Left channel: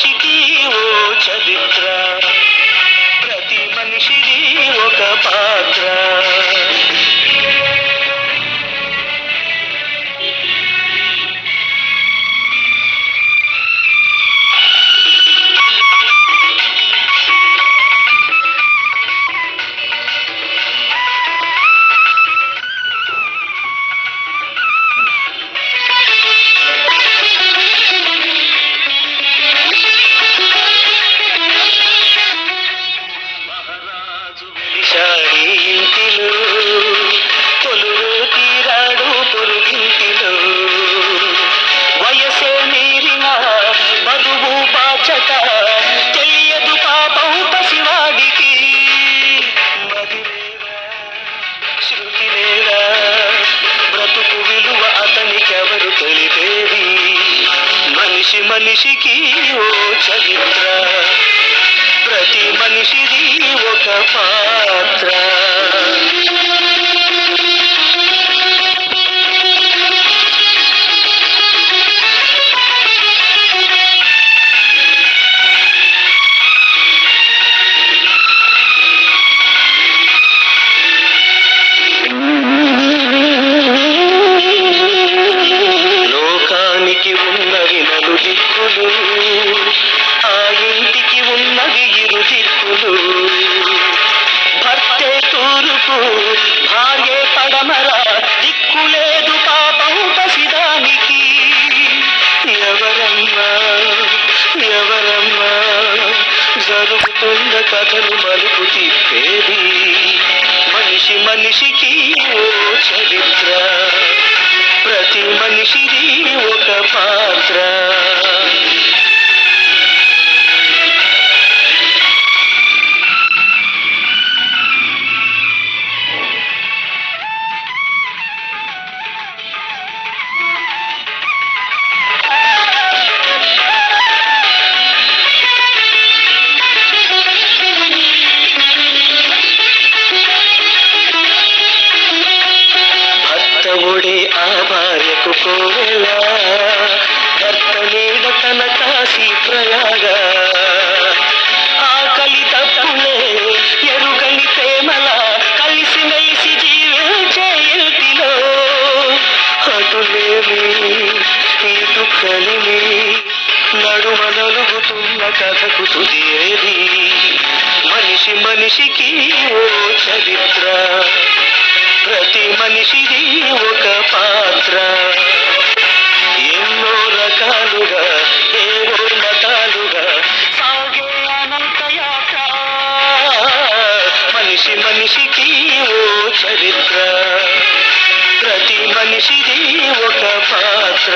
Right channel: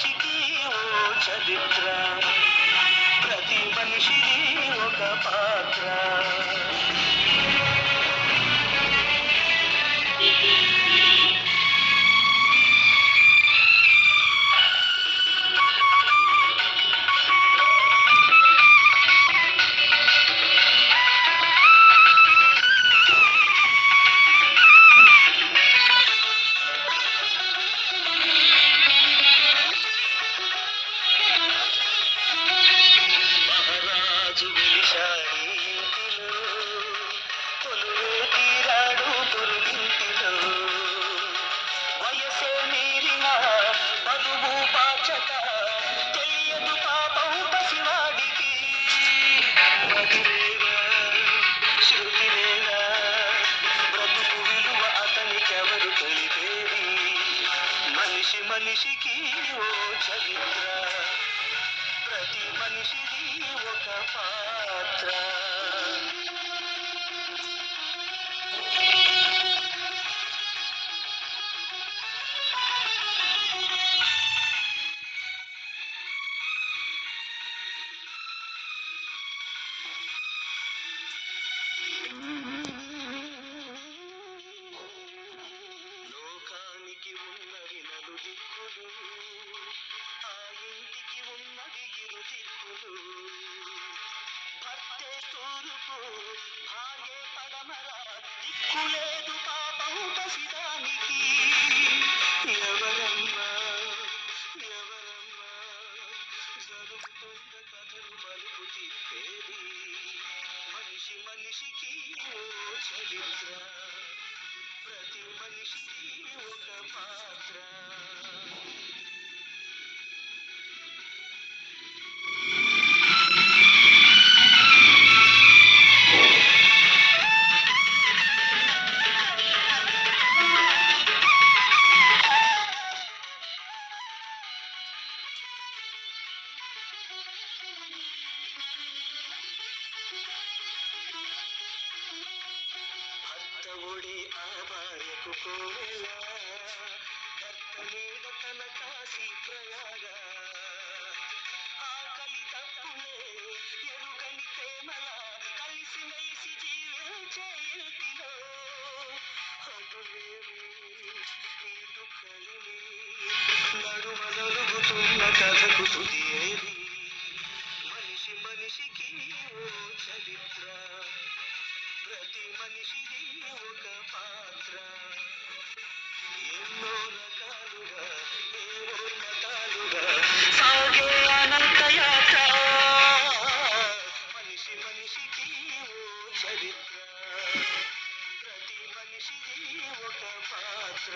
మనిషికి ఓ చరిత్ర, ప్రతి మనిషిది ఒక పాత్ర. ఇంటిలో కొలువే తీరాడు పొరుగింటిలో, వయసే మీరిన బరువు బాధ్యత తెలియదు పాపం పసివాడికి. మదిలేరా శృతి లేరా, బ్రతుకు విలువ అతనికెవరు తెలిపేది. మనిషి మనిషికి ఓ చరిత్ర, ప్రతి మనిషిది ఒక పాత్ర. లోకానికి ఉన్నవి నలుదిక్కులు, ఆ ఇంటికి ఉన్నవి ఇరు దిక్కులు. భర్తే తూర్పు భార్యే పడమర, దిక్కులేదు పాపం పసిదానికి. ఎవరమ్మా ఎవరమ్మా జరుగుతున్న కథలు మలుపు తిప్పేది. మనిషి మనిషికి ఓ చరిత్ర, ప్రతి మనిషిది ఒక పాత్ర. భర్తవుడే ఆ భార్యకు కోవెలా, భర్త నీడ తన కాశీ ప్రయాగ. ఆకలి తప్పులే ఎరుగని ప్రేమల, కలిసి మెలిసి జీవించే ఇంటిలో. అటులేమి ఇటు కలిమి, నడుమ నలుగుతున్న కథకు తుది ఏది. మనిషి మనిషికి ఓ చరిత్ర, ప్రతి మనిషిది ఒక పాత్ర. ఎన్నో రకాలుగా ఏవో మతాలుగా సాగే అనంత యాత్ర. మనిషి మనిషికి ఓ చరిత్ర, ప్రతి మనిషిది ఒక పాత్ర.